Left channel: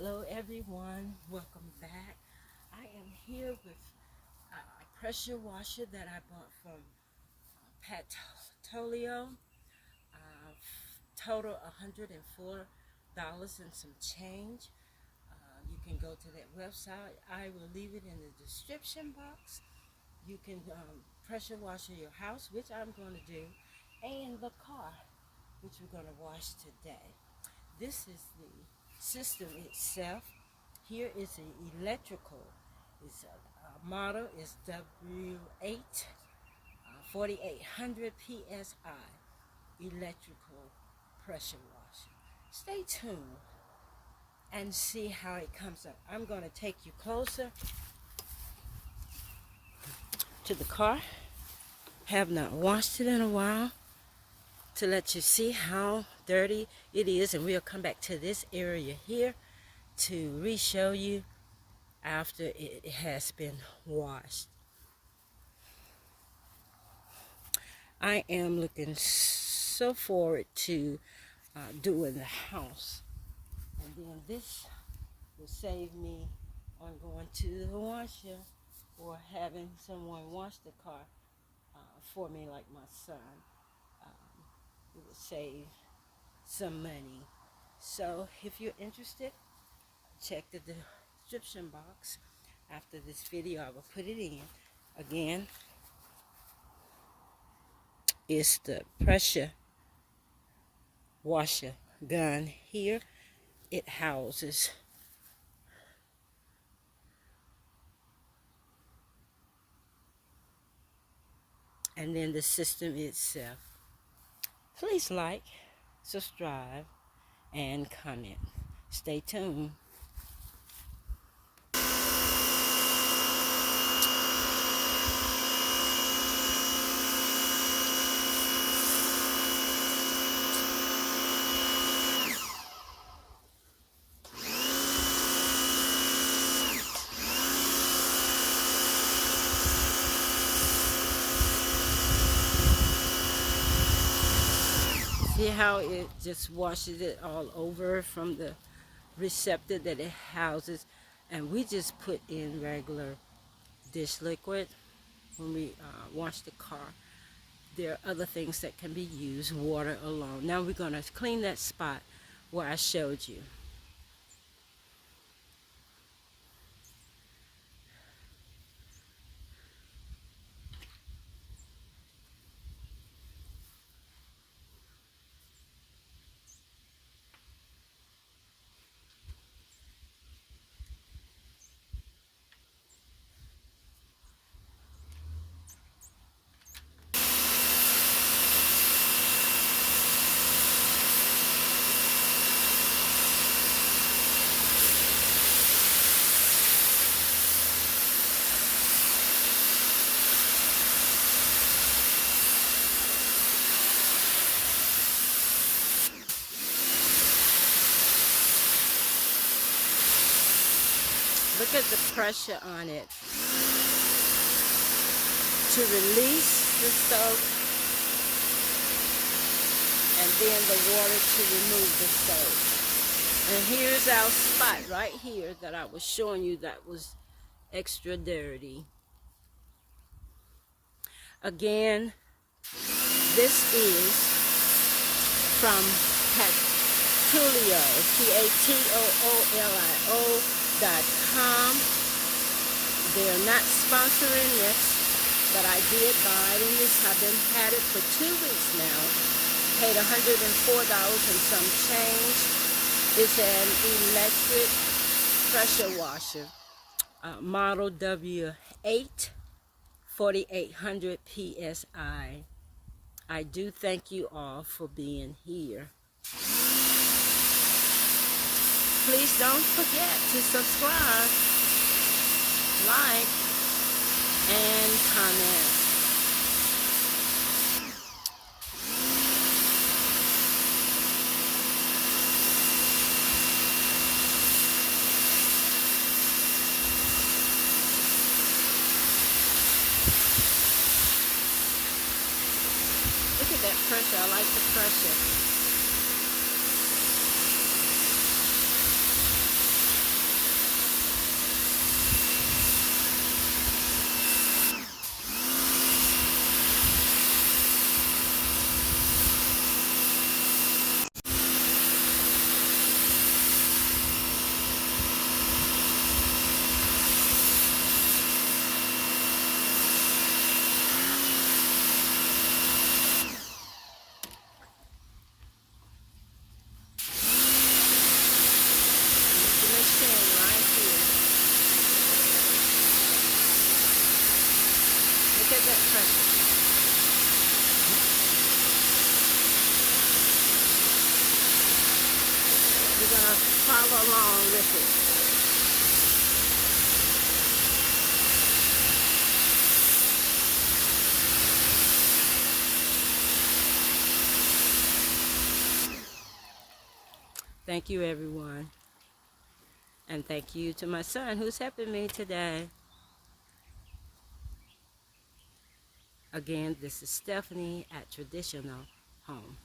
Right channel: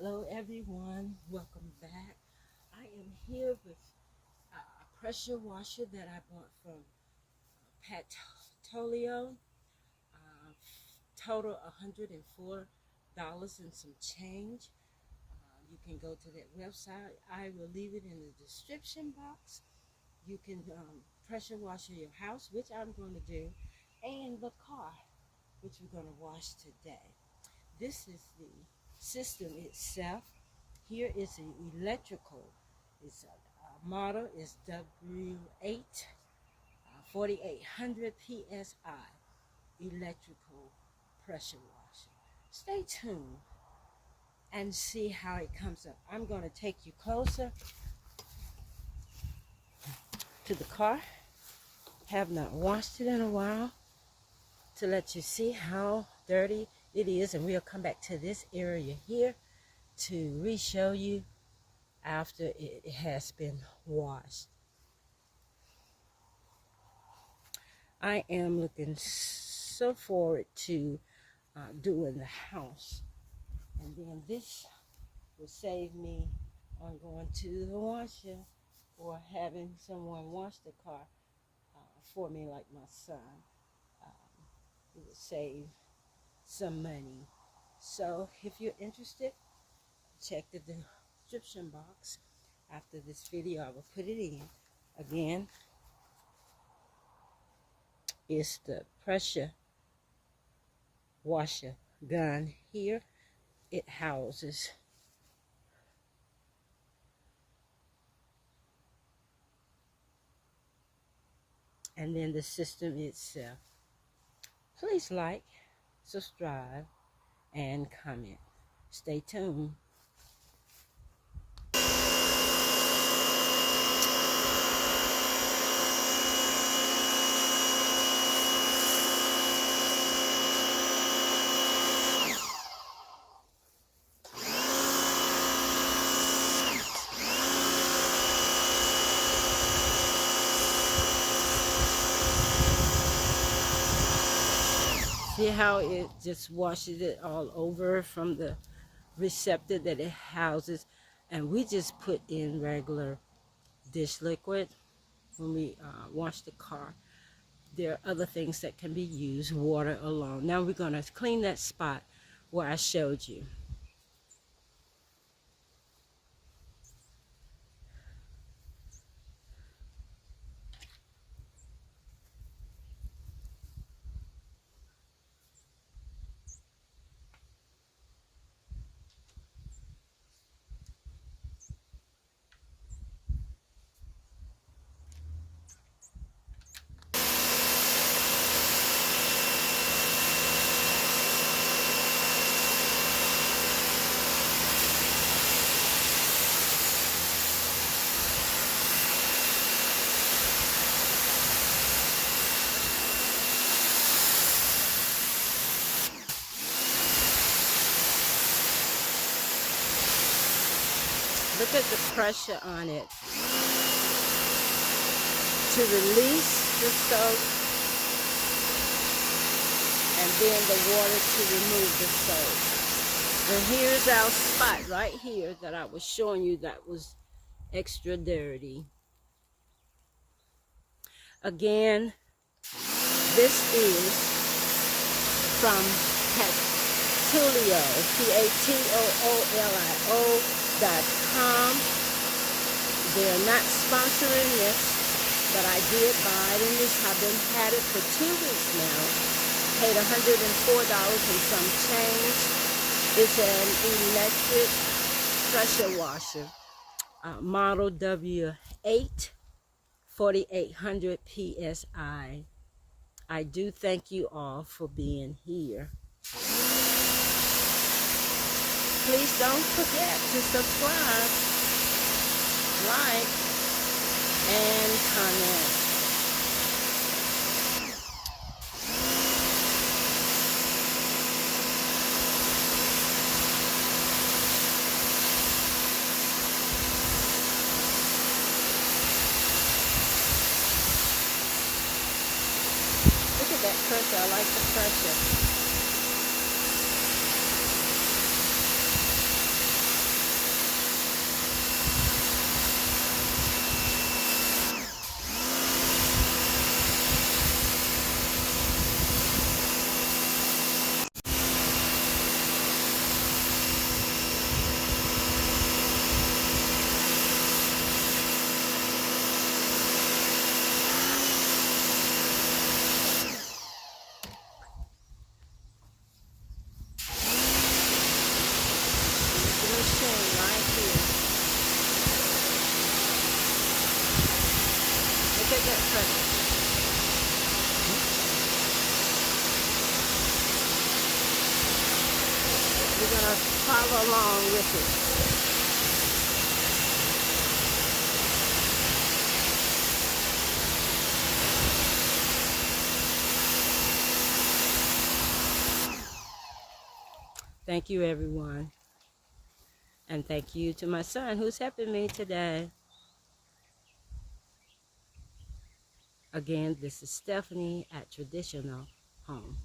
Hello everyone, welcome back. I am here with a pressure washer that I bought from Patoolio. Total $104 and some change. You can go to that website. I will leave it in the description box. You can pressure wash your house, which I'm going to do, and the car, which we're going to wash today. This is the system itself. Here is the electrical. Its model is W8 4800 PSI electrical pressure washer. Stay tuned and see how it comes up. I'm going to take you closer to the car. Have not washed it in a while to let you see how dirty it is, and we'll come back to this area here to re-show you after it has been washed. I am looking so forward to doing the house, and then this will save me on going to the washer or having someone wash the car for me, like my son. It would save some money. So if you're interested, check the description box. After this video, I will put it in. Again, it's the pressure washer gun here. It houses and then the system itself. Please like, subscribe, and comment. Stay tuned. See how it just washes it all over from the receptor that it houses. And we just put in regular dish liquid when we wash the car. There are other things that can be used, water alone. Now we're going to clean that spot where I showed you. Look at the pressure on it to release the soap, and then the water to remove the soap. And here's our spot right here that I was showing you that was extra dirty. Again, this is from Patoolio, Patoolio.com. They're not sponsoring this, but I did buy it, and I've had it for 2 weeks now. Paid $104 and some change. It's an electric pressure washer, model W8 4800 PSI. I do thank you all for being here. Please don't forget to subscribe, like, and comment. Look at that pressure. I like the pressure. machine right here. Look at that pressure. We're going to follow along with it. Thank you, everyone. And thank you to my son who's helping me today. Again, this is Stephanie at Traditional Home.